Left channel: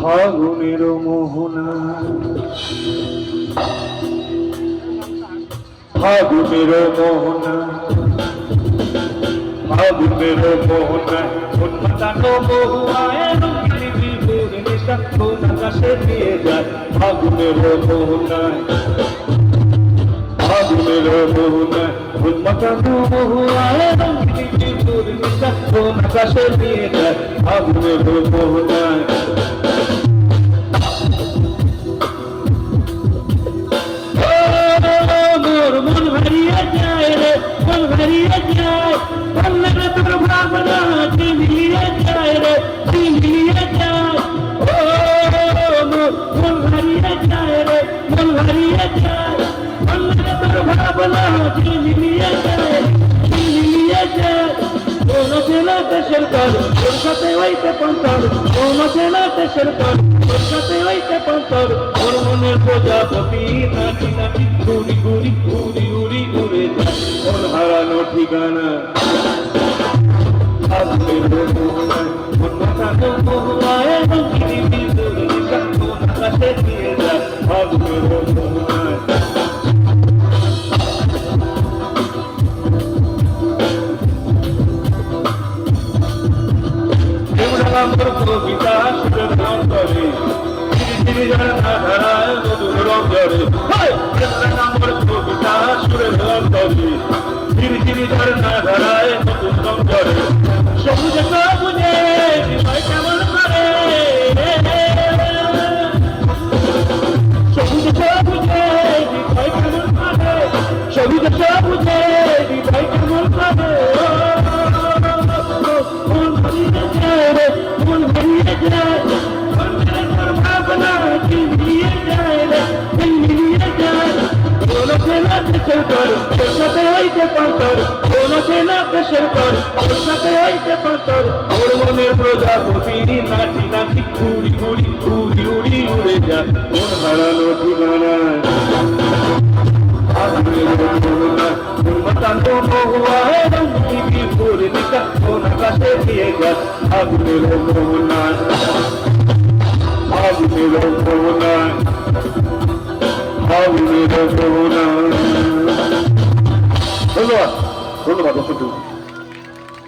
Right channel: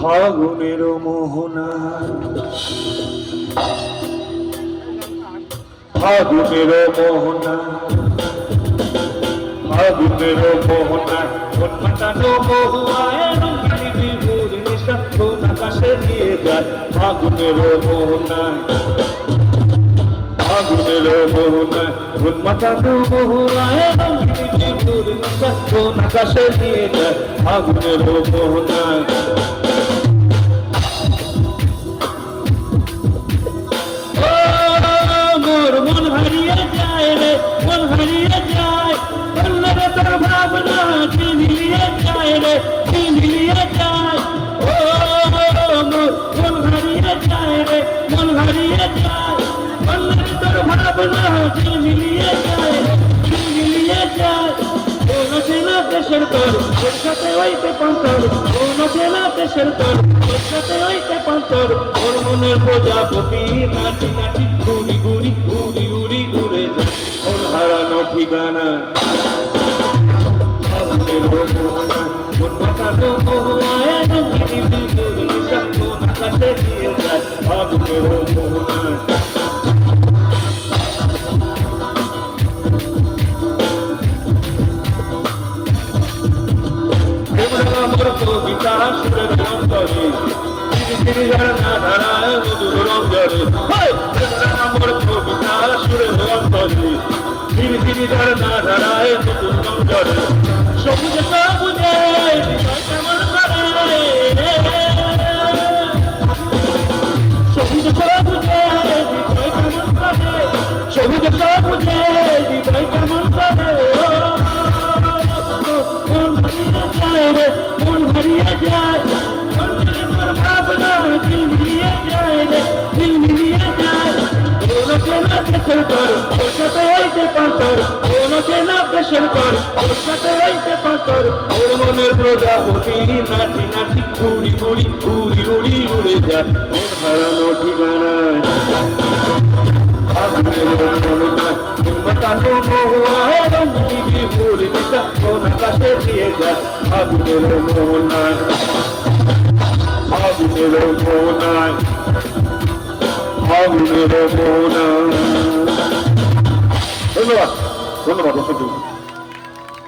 ফাগুনের মোহনা ফাগুনের মোহনা ফাগুনের মোহনা উন্মাতানো বহুয়ায় রঙিনী বিলুর নিশা কোন আকাশে দিয়ে যায় ফাগুনের মোহনায় ফাগুনের মোহনায় উন্মাতানো বহুয়ায় রঙিনী বিলুর নিশা কোন আকাশে দিয়ে যায় ফাগুনের মোহনায় মন হারিয়ে যায় রে মন হারিয়ে যায় বললে তোর ভাবনা চিনিয়ে যায় রে চিনিয়ে যায় মন হারিয়ে যায় রে মন হারিয়ে যায় বললে তোর ভাবনা চিনিয়ে যায় চিনিয়ে যায় কোন ছেলে দেশের কর ওর সাথে হইতে কান্তর কোন ছেলে দেশের কর ওর সাথে হইতে কান্তর ওর মনের প্রজাপতি নাচি নাচি ঘুরি ঘুরি ঘুরি ঘুরি উড়ে যায় ওর হারানো ঠিকানা ফাগুনের মোহনা উন্মাতানো বহুয়ায় রঙিনী বিলুর নিশা কোন আকাশে দিয়ে যায় ফাগুনের মোহনা আমার কবিতা সুরের অন্তরে ধীরে ধীরে ঝরনা ধারায় মধুর রঙ্গরে আমার কবিতা সুরের অন্তরে ধীরে ধীরে ঝরনা ধারায় মধুর রঙ্গরে সবুজ সবুজে হৃদয় কেমন করে সবুজ সবুজে হৃদয় কেমন করে সবুজ সবুজে হৃদয় কেমন করে প্রজাপতি নাচি নাচি ঘুরি ঘুরি ঘুরি উড়ি উড়ে যায় মন হারানো ঠিকানা উন্মাতানো বহুয়ায় রঙিনী বিলুর নিশা কোন আকাশে দিয়ে যায় ফাগুনের মোহনায় ফাগুনের মোহনায় ফাগুনের মোহনায় ধন্যবাদ ধন্যবাদ।